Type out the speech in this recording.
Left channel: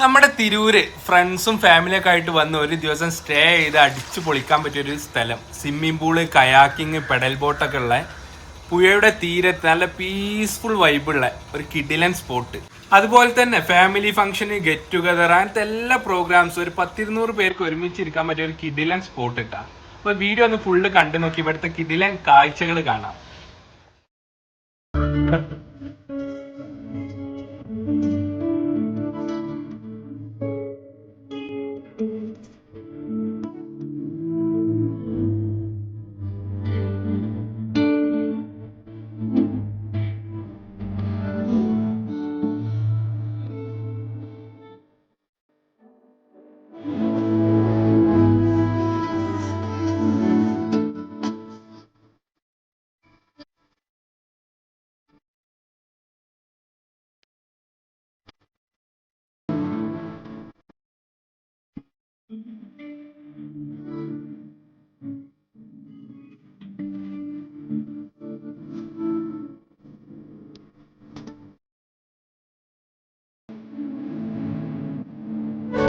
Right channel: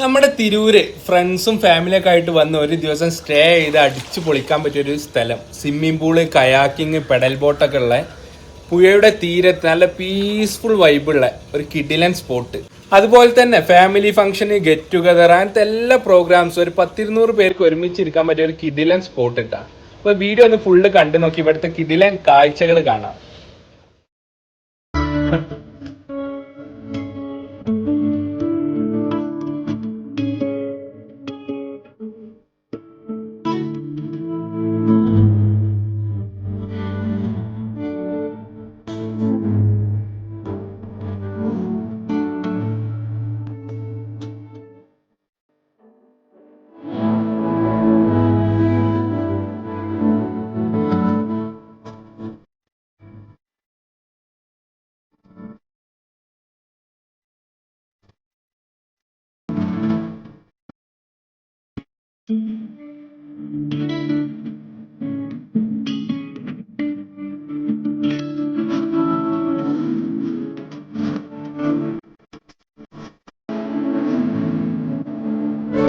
നമ്മുടെ തിരൂര് ഫ്രണ്ട്സും ഫാമിലിയൊക്കെ ആയിട്ട് വന്ന് ഒരു ദിവസം സ്റ്റേ ചെയ്ത് അടിച്ചു പൊളിക്കാൻ പറ്റിയ ഒരു സ്ഥലം. സ്വിമ്മിംഗ് പൂള്, കയാക്കിങ്, പെഡൽ ബോട്ടൊക്കെ ഉള്ള പുഴയുടെ തീരത്ത് നല്ല പീസ്ഫുൾ വൈബുള്ള ഒരു കിഡിലൻ സ്പോട്ട്. അതുപോലെ തന്നെ ഫാമിലി ഫംഗ്ഷന്, ഗെറ്റ് ടുഗദർ അങ്ങനത്തെ എല്ലാ പ്രോഗ്രാംസും ഒരു 10-200 പേർക്ക് ഒരുമിച്ചിരിക്കാൻ പറ്റിയ ഒരു കിഡിലൻ സ്പോട്ട് ഇട്ടാ. അപ്പൊ വീഡിയോ ഒന്ന് ഫുള്ള് കണ്ടു നോക്കി ഇവിടുത്തെ കിഡിലൻ കാഴ്ചകൾ കാണാം.